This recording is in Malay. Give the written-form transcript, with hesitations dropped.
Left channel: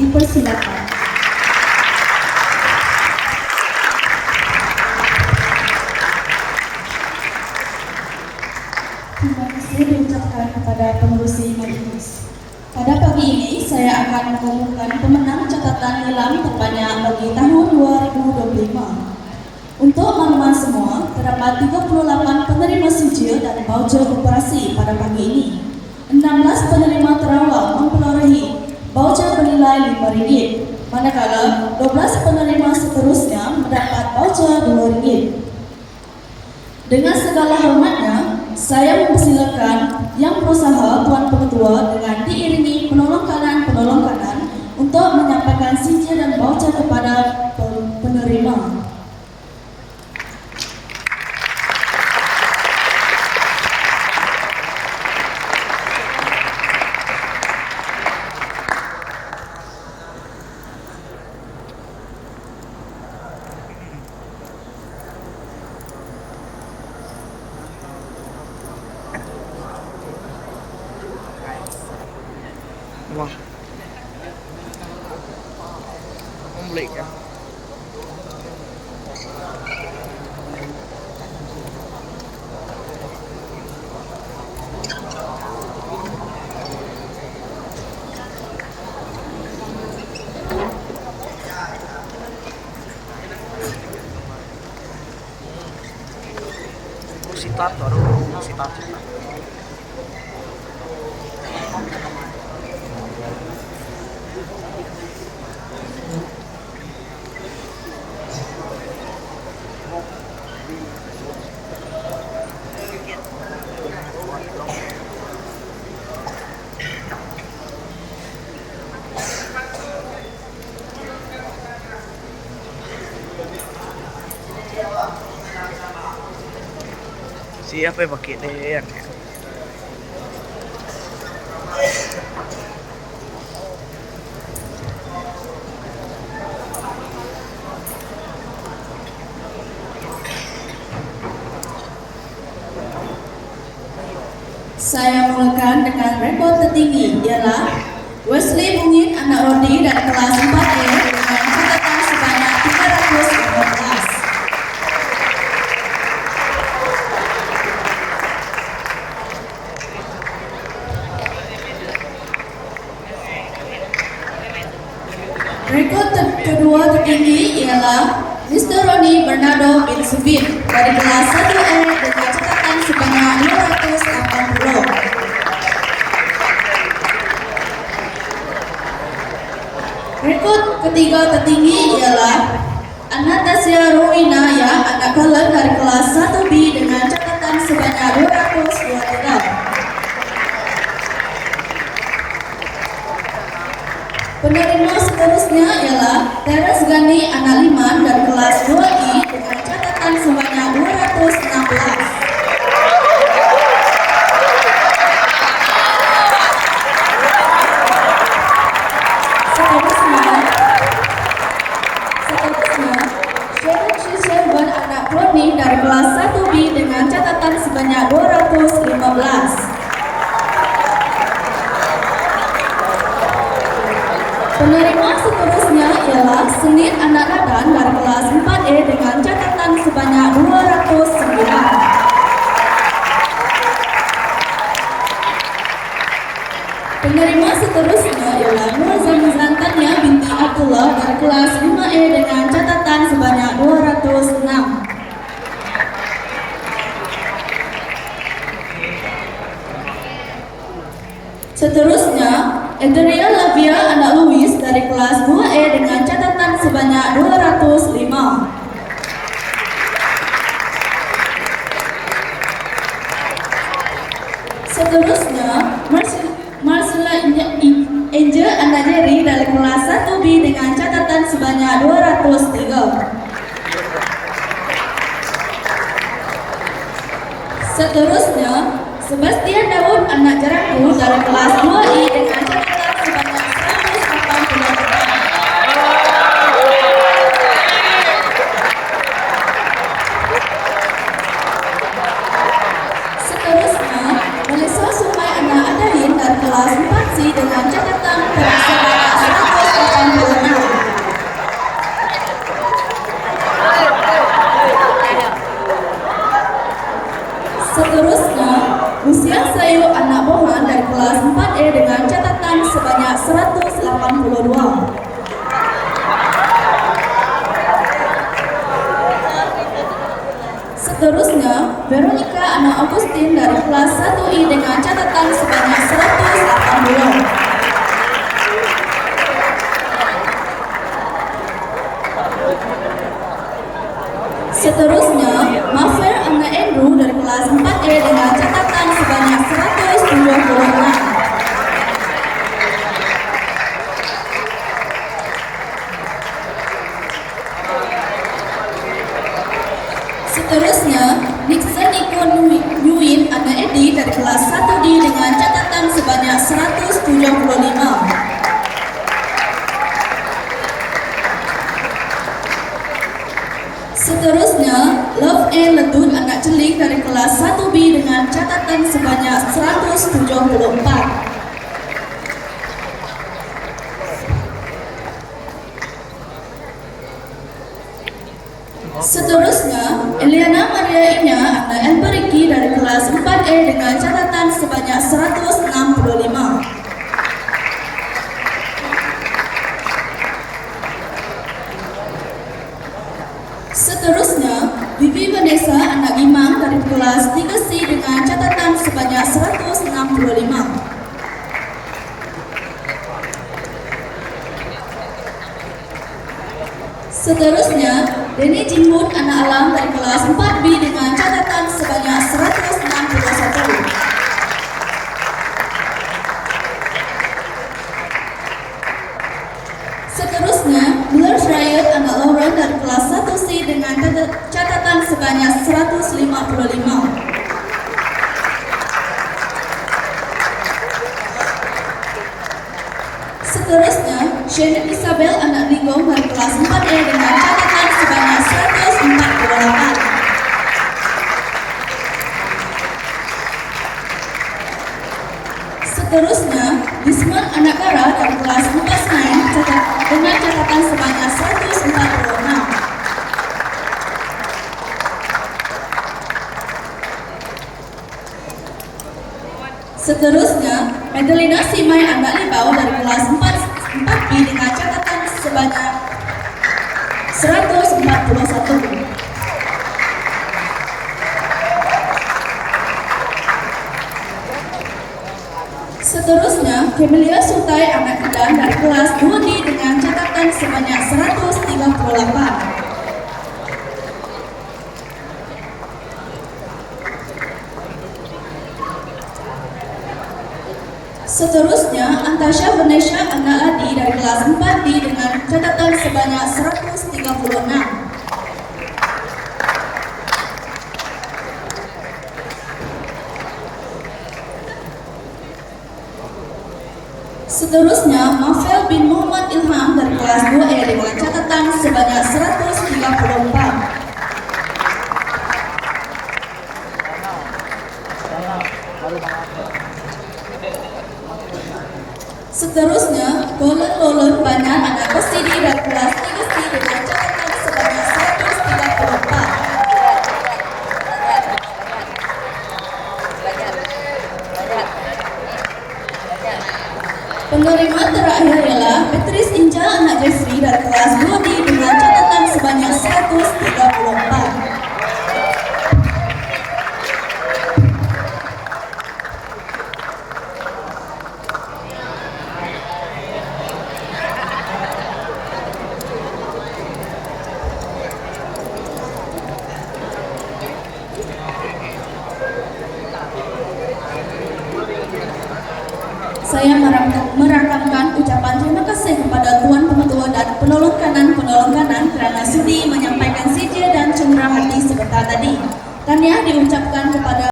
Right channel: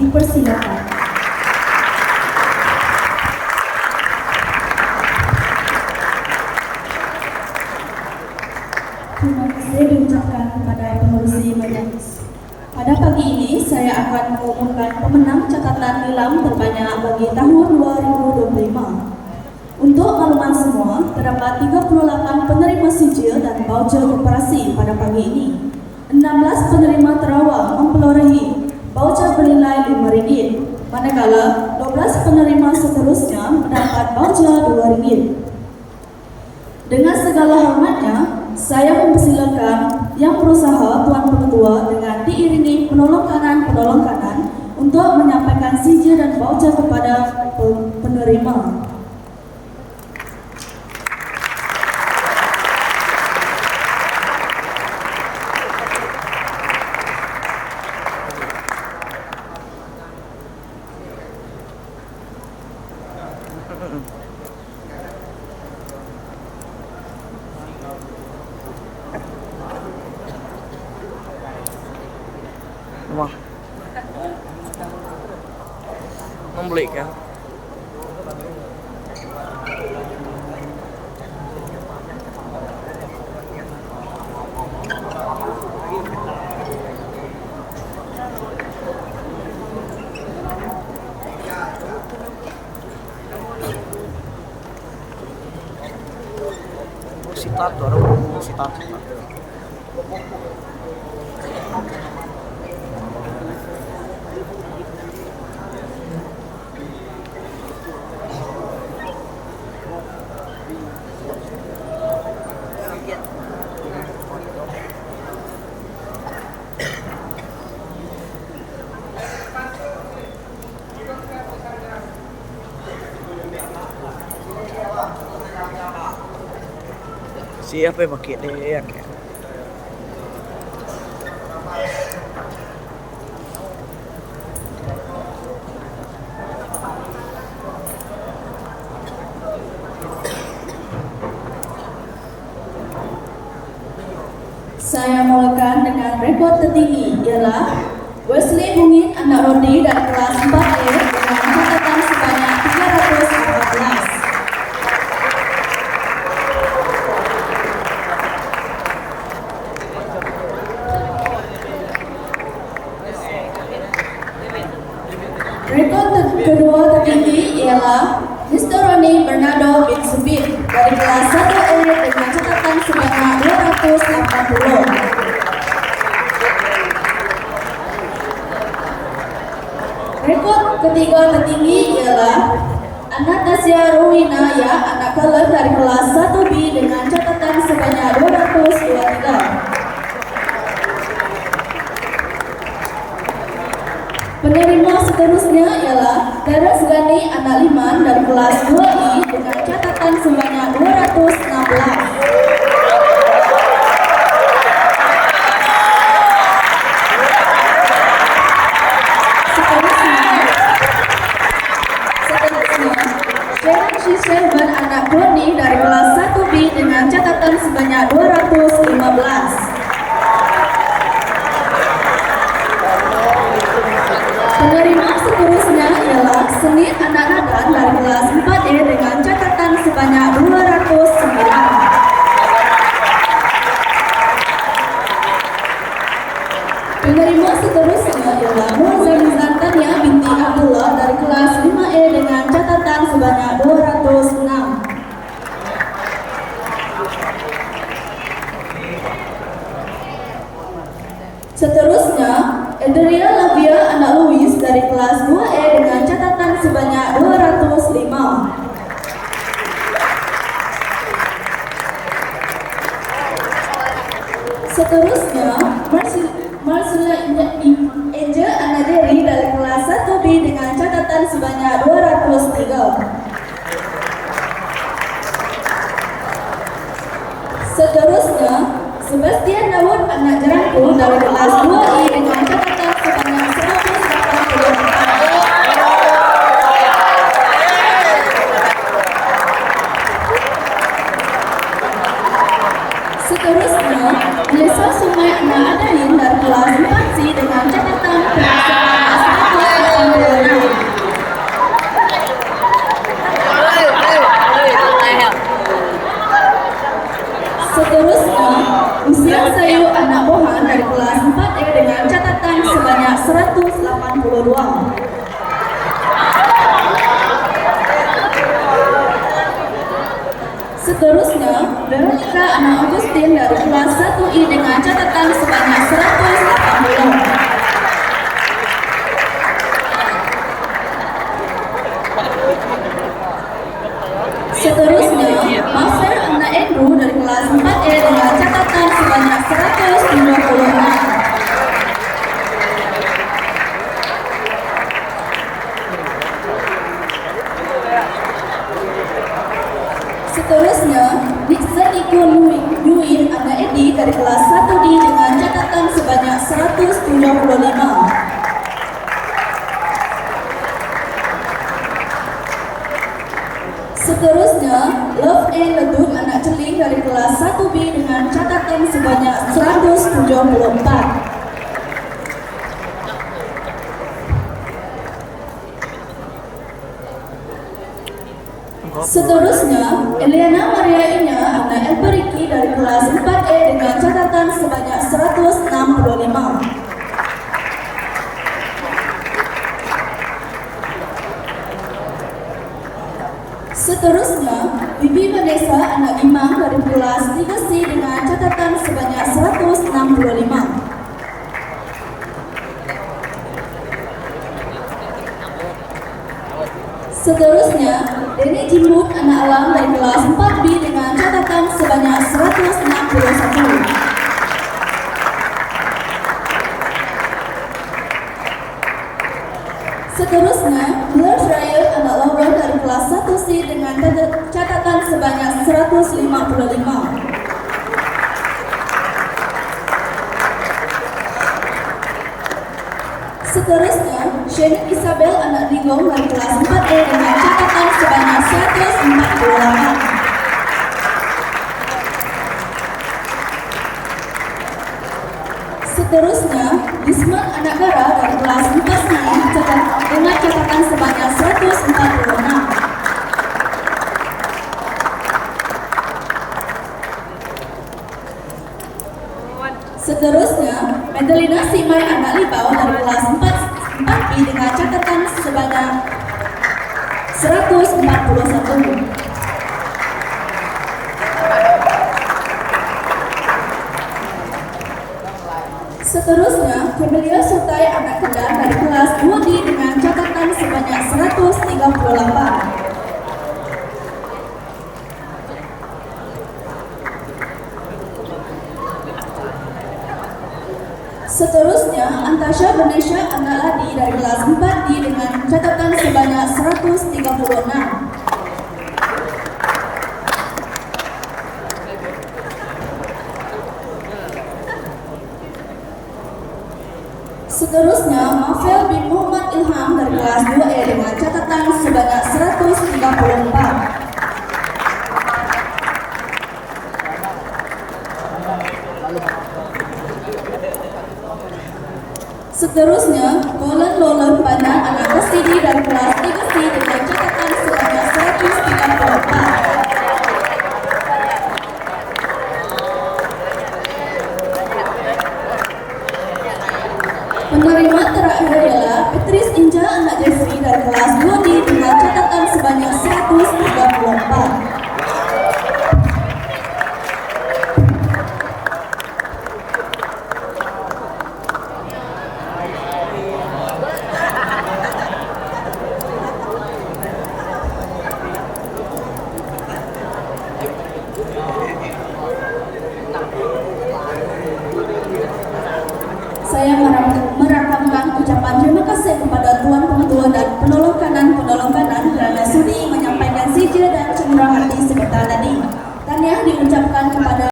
Dipersilakan. Terima kasih diucapkan kepada pengurus majelis. Pada pagi ini saya akan mengumumkan pemenang catatan nilam terbanyak bagi tahun 2025. Untuk makluman semua, terdapat 38 penerima sijil dan voucher operasi pada pagi ini. 16 penerima terawal memperolehi voucher bernilai RM5, manakala 12 penerima seterusnya mendapat voucher RM2. Dengan segala hormatnya, saya mempersilakan yang berusaha Tuan Pengetua dengan diiringi penolong kanan untuk menyampaikan sijil dan voucher kepada penerima. Đúng không beli kan? Sitat tuh, orang sitat. Siapa yang pakai deh? Saya mulakan dengan rekor tertinggi ialah Wesley Mungin anak Rodi dari kelas 4E dengan catatan sebanyak 315. Rekor kedua tertinggi ialah Mr. Roni Bernardo bin Subin dari kelas 1E dengan catatan sebanyak 280. Rekor ketiga tertinggi ialah Anastasia Rowinaya anak Kelab dari kelas 1B dengan catatan sebanyak 223. Penerima seterusnya ialah Teres Gani anak Liman dari kelas 2I dengan catatan sebanyak 216. Seterusnya Sharon Sherban anak Brownie dari kelas 1B dengan catatan sebanyak 215. Penerima seterusnya ialah Senir anak Nadan dari kelas 4E dengan catatan sebanyak 209. Penerima seterusnya ialah Muhammad Tania binti Abdullah dari kelas 5E dengan catatan sebanyak 206. Seterusnya, Andrea Lavia anak Louis dari kelas 2E dengan catatan sebanyak 205. Seterusnya, Marcella Angel anak Jerry dari kelas 1B dengan catatan sebanyak 203. Seterusnya, Sebastian Daud anak Jeraku dari kelas 2I dengan catatan sebanyak 184. Seterusnya, Melissa Sumai anak Adain dari kelas 4C dengan catatan sebanyak 184. 182. Seterusnya, Veronica Ana Augustin dari kelas 1I dengan catatan sebanyak 180. Seterusnya, Mafer Anna Andrew dari kelas 4E dengan catatan sebanyak 176. Seterusnya, Nixon Iko Nuin Anna Edi dari kelas 1D dengan catatan sebanyak 175. Seterusnya, Love and Ledut anak celing dari kelas 1B dengan catatan sebanyak 174. Seterusnya, Eliana Maria Ina anak Elperiki dari kelas 4E dengan catatan sebanyak 165. Seterusnya, Bibi Vanessa anak Imam dari kelas 3C dengan catatan sebanyak 165. Seterusnya, Denny Jimrut anak Alam dari kelas 4B dengan catatan sebanyak 161. Seterusnya, Blair Riot anak Lauren dari kelas 1C dengan catatan sebanyak 155. Seterusnya, Shannon Isabel anak Digong dari kelas 4E dengan catatan sebanyak 148. Seterusnya, Bisman anak Gara dari kelas 4C dengan catatan sebanyak 146. Seterusnya, Medalina Simai anak Libau dari kelas 4B dengan catatan sebanyak 141. Seterusnya, Camelia Sutai anak Kedan dari kelas 2D dengan catatan sebanyak 138. Seterusnya, Antasha Vanesha anak Adi dari kelas 4D dengan catatan sebanyak 136. Seterusnya, Mafel bin Muhammad Ilham dari kelas 2E dengan catatan sebanyak 134. Seterusnya, Lolen Banan anak Kesidi dari kelas 3C dengan catatan sebanyak 134. Penerima terakhir ialah